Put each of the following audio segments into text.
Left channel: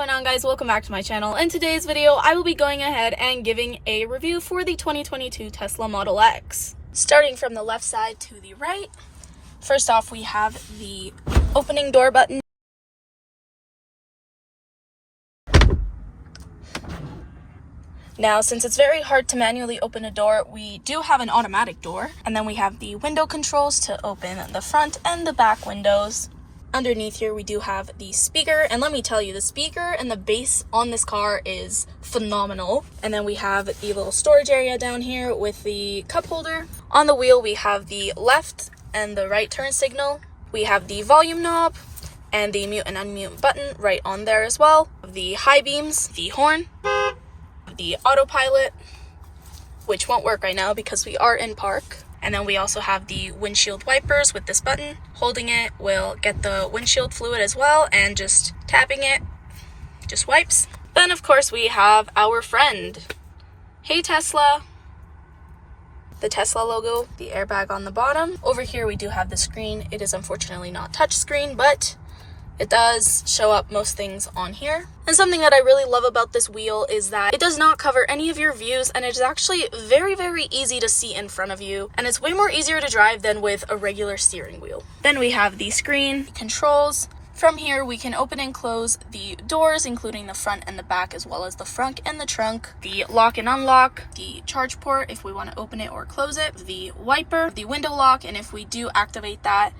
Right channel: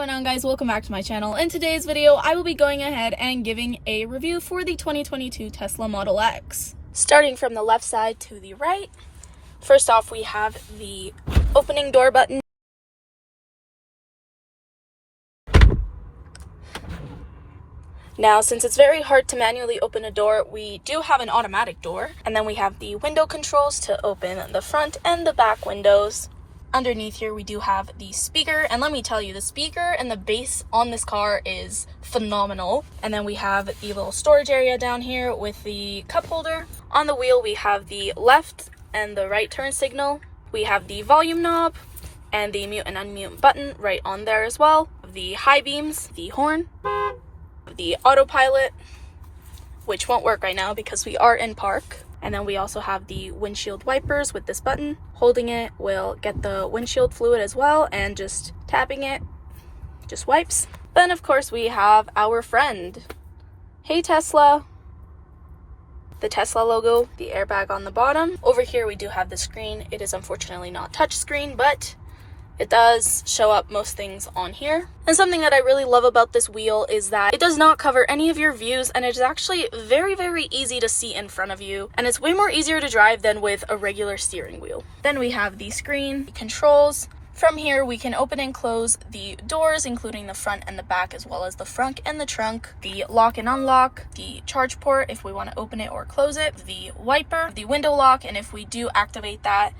going on, guys? Welcome back to my channel. In today's video, I will be going ahead and giving a review for the 2022 Tesla Model X. Starting from the left side to the right, first off we have the opening door button. Now, since it's very hard to manually open a door, we do have an automatic door. And then we have the window controls to open the front and the back windows. Underneath here, we do have the speaker. And let me tell you, the speaker and the bass on this car is phenomenal. And then we have the little storage area down here with the cup holder. On the wheel, we have the left and the right turn signal. We have the volume knob and the mute and unmute button right on there as well. The high beams, the horn, the autopilot, which won't work right now because we are in park. And then we also have the windshield wipers with this button. Holding it will get the windshield fluid as well, and just tapping it just wipes. Then of course we have our friend, Hey Tesla, the Tesla logo, the airbag on the bottom. Over here we do have the screen. It is unfortunately not touch screen, but it does show up most things on here. And something that I really love about this wheel is that it does not cover any of your views, and it's actually very, very easy to see in front of you. And it's way more easier to drive than with a regular steering wheel. Then we have the screen controls. From here, we can open and close the doors, including the front and the back, as well as the front and the trunk. The lock and unlock, the charge port if we want to open it or close it, the wiper, the window lock, and if we do activate that,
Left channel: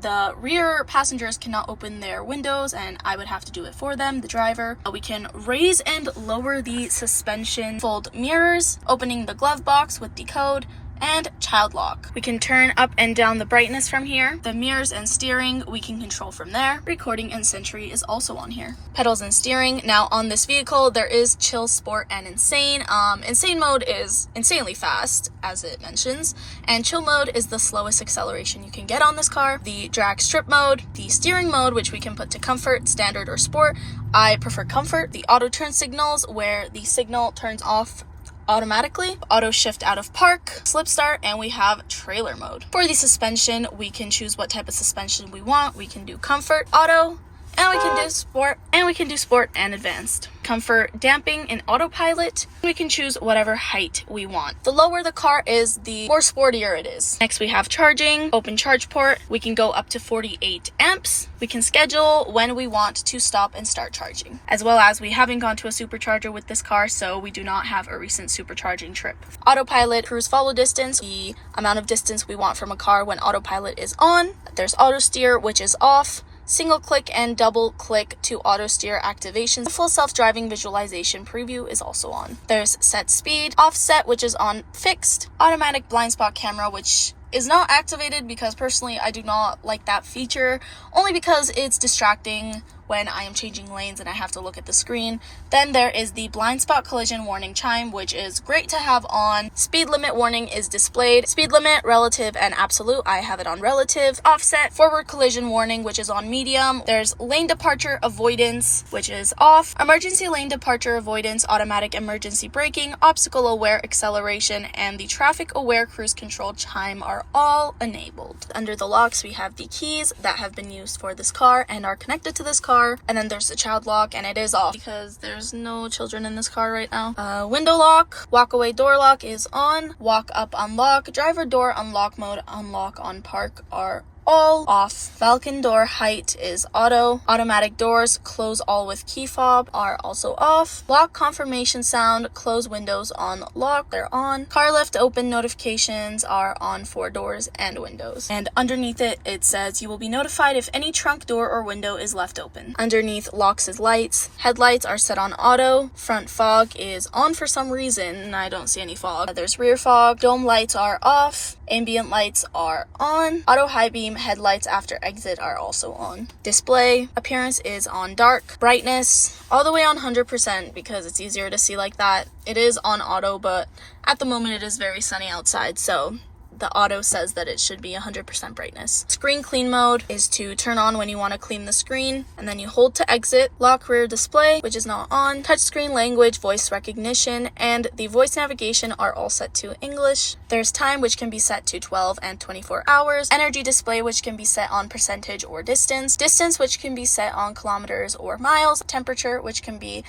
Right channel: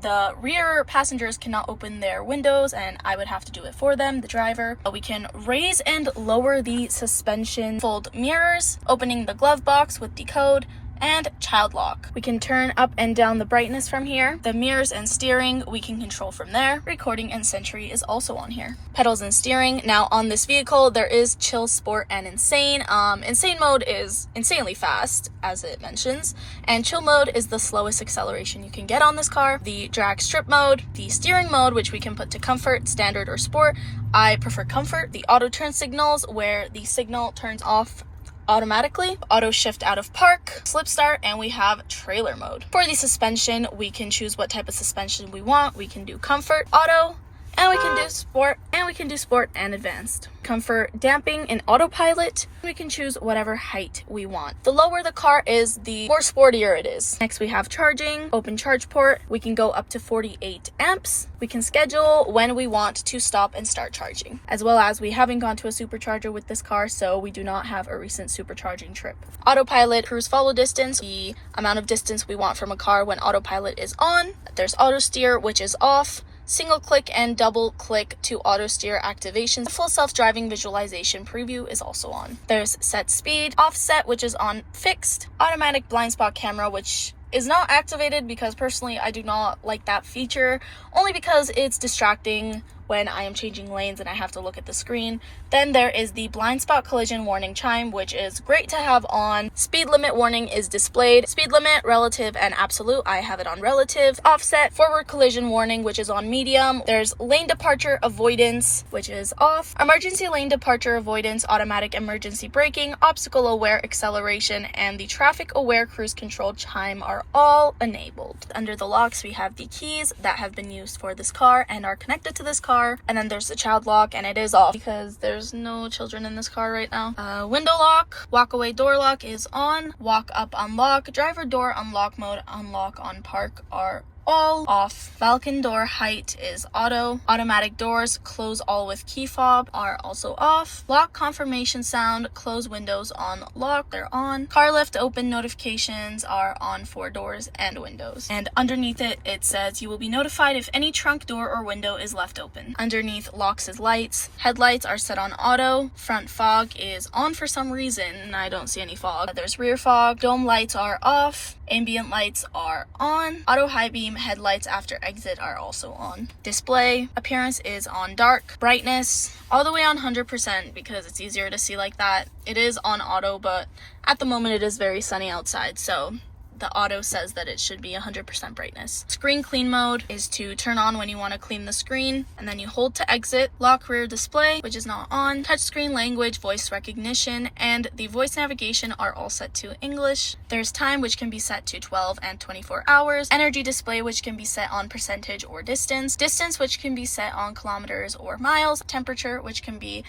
the rear passengers cannot open their windows and I would have to do it for them, the driver. We can raise and lower the suspension, fold mirrors, opening the glove box with the code, and child lock. We can turn up and down the brightness from here. The mirrors and steering we can control from there. Recording and Sentry is also on here. Pedals and steering. Now on this vehicle there is chill, sport, and insane. Insane mode is insanely fast, as it mentions, and chill mode is the slowest acceleration you can get on this car. The drag strip mode, the steering mode, which we can put to comfort, standard, or sport. I prefer comfort. The auto turn signals, where the signal turns off automatically, auto shift out of park, slip start, and we have trailer mode. For the suspension, we can choose what type of suspension we want. We can do comfort, auto, and we can do sport, and we can do sport and advanced. Comfort, damping, and autopilot. We can choose whatever height we want. The lower the car is, the more sportier it is. Next we have charging, open charge port. We can go up to 48 amps. We can schedule when we want to stop and start charging. As well as we haven't gone to a supercharger with this car, so we do not have a recent supercharging trip. Autopilot, cruise follow distance, the amount of distance we want from a car when autopilot is on. There's auto steer, which is off. Single click and double click to auto steer activation. The full self-driving visualization preview is also on. There's set speed, offset, which is on fixed, automatic blind spot camera, which is not activated because personally I do not like that feature, only because it's distracting when I am changing lanes and I have to look at the screen. Then there is the blind spot collision warning chime, which is great to have on. Speed limit warning is displayed. Speed limit, relative, and absolute. I have it on relative. Offset, forward collision warning, which is on medium. There's lane departure avoidance, which is off. Emergency lane departure avoidance, automatic emergency braking, obstacle aware acceleration, and the traffic aware cruise control chime are all enabled. Under the locks, we have the keys that have been used for this car and are connected to this car. And then there's the child lock, and it is off because there's no children in this car right now. Window lock, walk away door lock is on. Walk up unlock, driver door unlock mode, unlock on park are all off. Falcon door height is auto. Automatic doors close all with key fob are also off. Lock confirmation sound, close windows on lock, they're on. Car lift open notifications are on for doors and windows. And underneath it, it says you will be notified if any trunk door or window is left open. Underneath locks is lights. Headlights are set on auto. Front fog is on for some reason. I don't see any fog. There's rear fog. Dome lights are off. Ambient lights are on. Auto high beam headlights after exit are also on. Display appearance is on dark. Brightness all the way on 100% because it's easier to see like that. It is on auto, but at the moment it is very sunny outside, so the auto says that it should be 100% brightness. Screen clean mode is to turn on when you want to clean the screen, and then you hold to exit. Lock rear display, which is not on. Touchscreen language, voice recognition, and the voice navigation are all set to English. There's time, which can be set to 12 and 24 hours. Energy display, which can be set on percentage or distance. Distance, which can be set on kilometers or miles. Temperature, which can be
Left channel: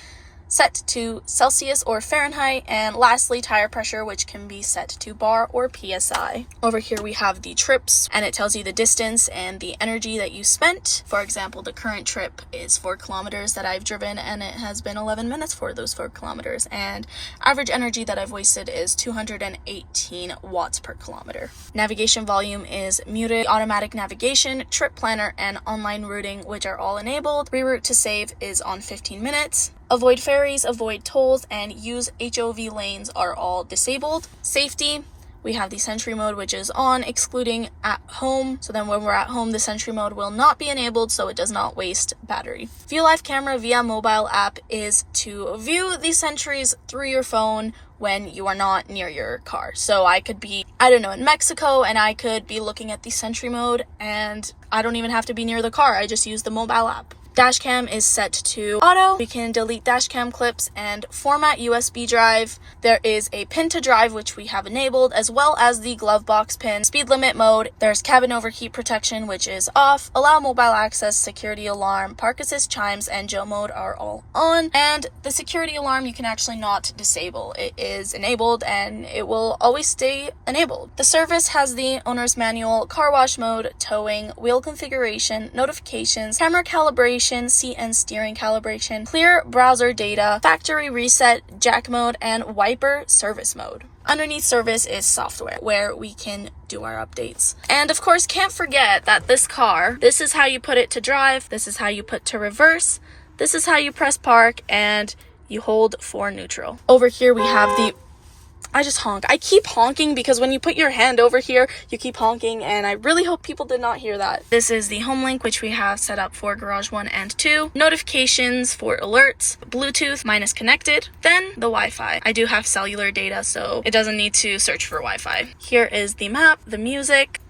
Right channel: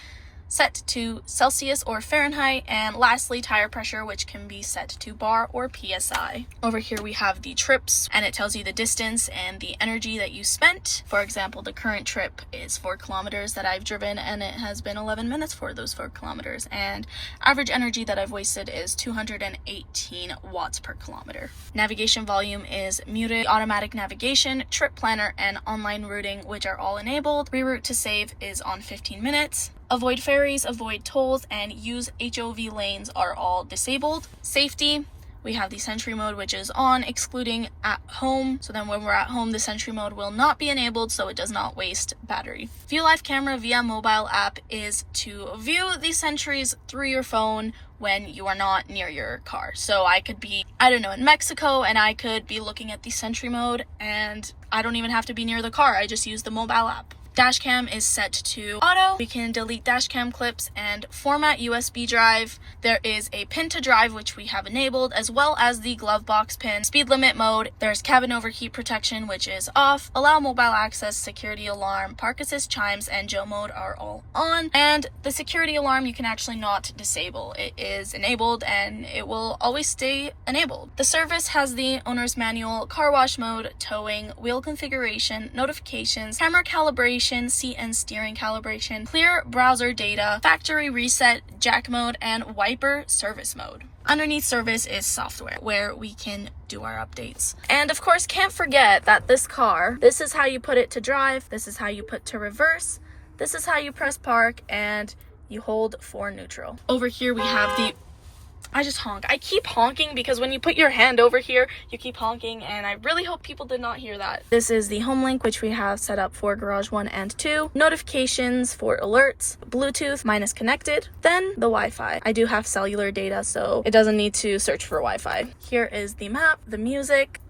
set to Celsius or Fahrenheit, and lastly tire pressure, which can be set to bar or PSI. Over here we have the trips, and it tells you the distance and the energy that you spent. For example, the current trip is 4 kilometers that I've driven, and it has been 11 minutes for those 4 kilometers, and average energy that I've wasted is 218 watts per kilometer. Navigation volume is muted. Automatic navigation, trip planner, and online routing, which are all enabled. Reroute to save is on 15 minutes. Avoid ferries, avoid tolls, and use HOV lanes are all disabled. Safety, we have the Sentry mode, which is on, excluding at home. So then when we're at home, the Sentry mode will not be enabled, so it does not waste battery. View live camera via mobile app is to view the sentries through your phone when you are not near your car. So I could be, I don't know, in Mexico, and I could be looking at the Sentry mode, and I don't even have to be near the car. I just use the mobile app. Dashcam is set to auto. We can delete dashcam clips and format USB drive. There is a pin to drive, which we have enabled, as well as the glove box pin. Speed limit mode. There's cabin overheat protection, which is off. Allow mobile access, security alarm, park assist, chimes, and Joe mode are all on. And the security alarm you can actually not disable. It is enabled and it will always stay enabled. The service has the owner's manual, car wash mode, towing, wheel configuration, notifications, camera calibration, seat and steering calibration, clear browser data, factory reset, jack mode, and wiper service mode. Underneath service is software, where we can do our updates. And of course, can't forget that this car, this is how you put it to drive, this is how you put to reverse, this is how you press park, and you hold for neutral. Over here we have the I just honk. I keep honking because when you put your hand over here, you keep honking, and I really hope people did not hear that. This is the home link, which we have set up for garage 1 and 2. Notifications for alerts, Bluetooth minus connected, then the Wi-Fi. I do have cellular data, so it doesn't need to search for Wi-Fi. Here is the map, the music,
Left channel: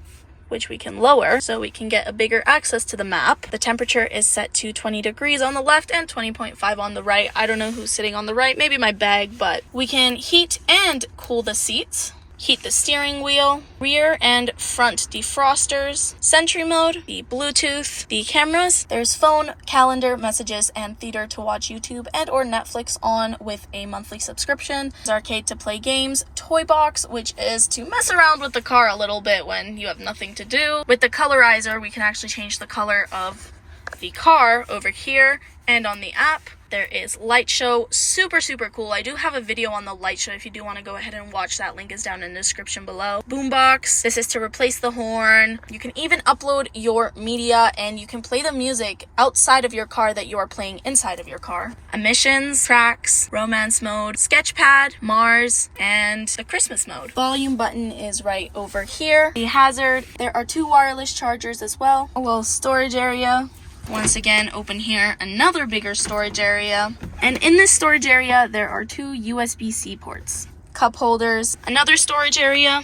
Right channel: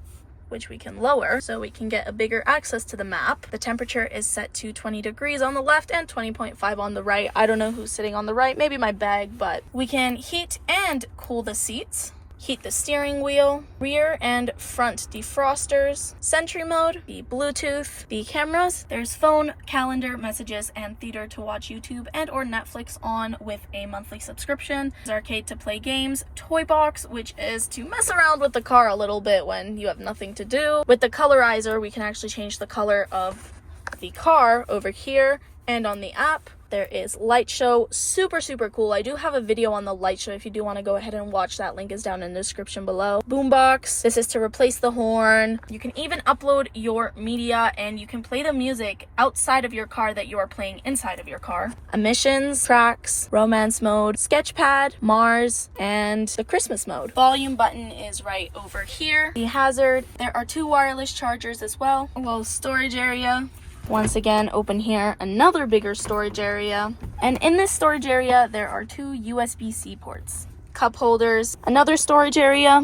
which we can lower so we can get a bigger access to the map. The temperature is set to 20 degrees on the left and 20.5 on the right. I don't know who's sitting on the right, maybe my bag, but we can heat and cool the seats. Heat the steering wheel, rear and front defrosters, Sentry mode, the Bluetooth, the cameras. There's phone, calendar, messages, and theater to watch YouTube and or Netflix on with a monthly subscription. There's arcade to play games, toy box, which is to mess around with the car a little bit when you have nothing to do. With the colorizer, we can actually change the color of the car over here, and on the app. There is light show, super cool. I do have a video on the light show if you do want to go ahead and watch that. Link is down in the description below. Boombox, this is to replace the horn. You can even upload your media, and you can play the music outside of your car that you are playing inside of your car. Emissions, tracks, romance mode, sketchpad, Mars, and the Christmas mode. Volume button is right over here. The hazard, there are 2 wireless chargers as well. A little storage area. Once again, open here, another bigger storage area. And in this storage area, there are 2 USB-C ports. Cup holders, another storage area.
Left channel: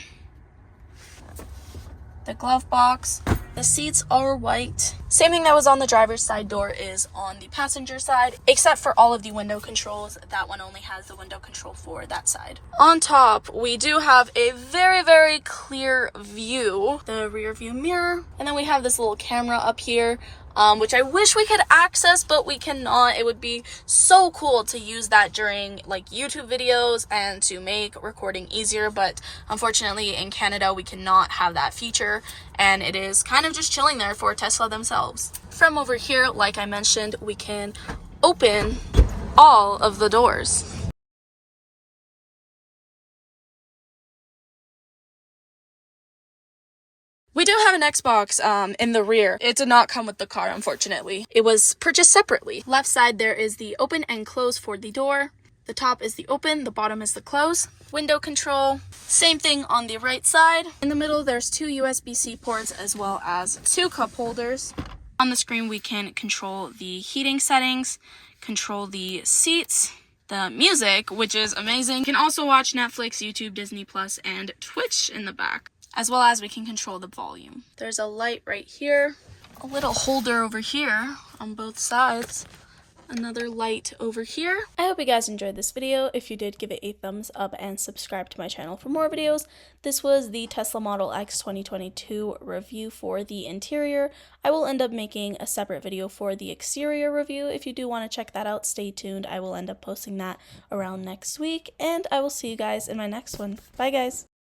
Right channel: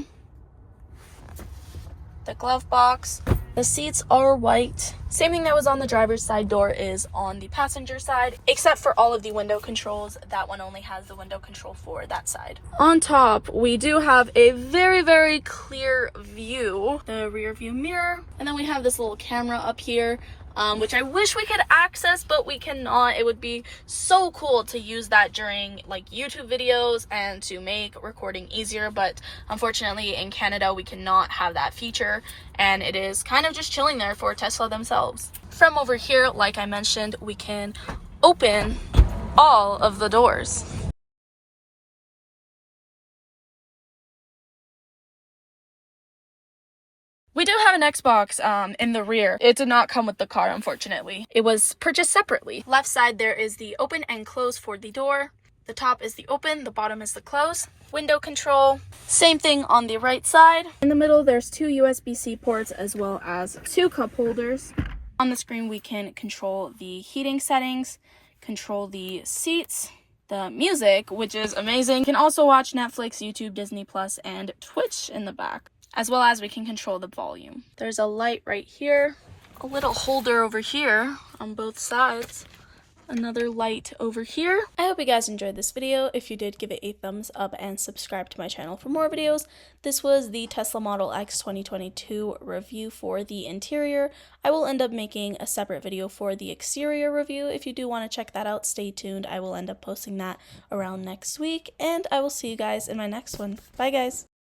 The glove box. The seats are white. Same thing that was on the driver's side door is on the passenger side, except for all of the window controls. That one only has the window control for that side. On top, we do have a very clear view. The rear view mirror. And then we have this little camera up here. Which I wish we could access, but we cannot. It would be so cool to use that during like YouTube videos and to make recording easier, but unfortunately in Canada we cannot have that feature, and it is kind of just chilling there for Tesla themselves. From over here, like I mentioned, we can open all of the doors. We do have an Xbox in the rear. It did not come with the car, unfortunately. It was purchased separately. Left side, there is the open and close for the door. The top is the open, the bottom is the close. Window control, same thing on the right side. In the middle, there's 2 USB-C ports as well as 2 cup holders. On the screen, we can control the heating settings, control the seats, the music, which is amazing. You can also watch Netflix, YouTube, Disney Plus, and Twitch in the back. as well as we can control the volume. There's a light right here, a little holder over here on both sides, another light over here. I hope you guys enjoyed this video. If you did, give it a thumbs up and subscribe to my channel for more videos. This was the Tesla Model X 2022 review for the interior. I will end up making a separate video for the exterior review. If you do want to check that out, stay tuned. I will end up posting that around next week, and I will see you guys in my next one. Bye guys!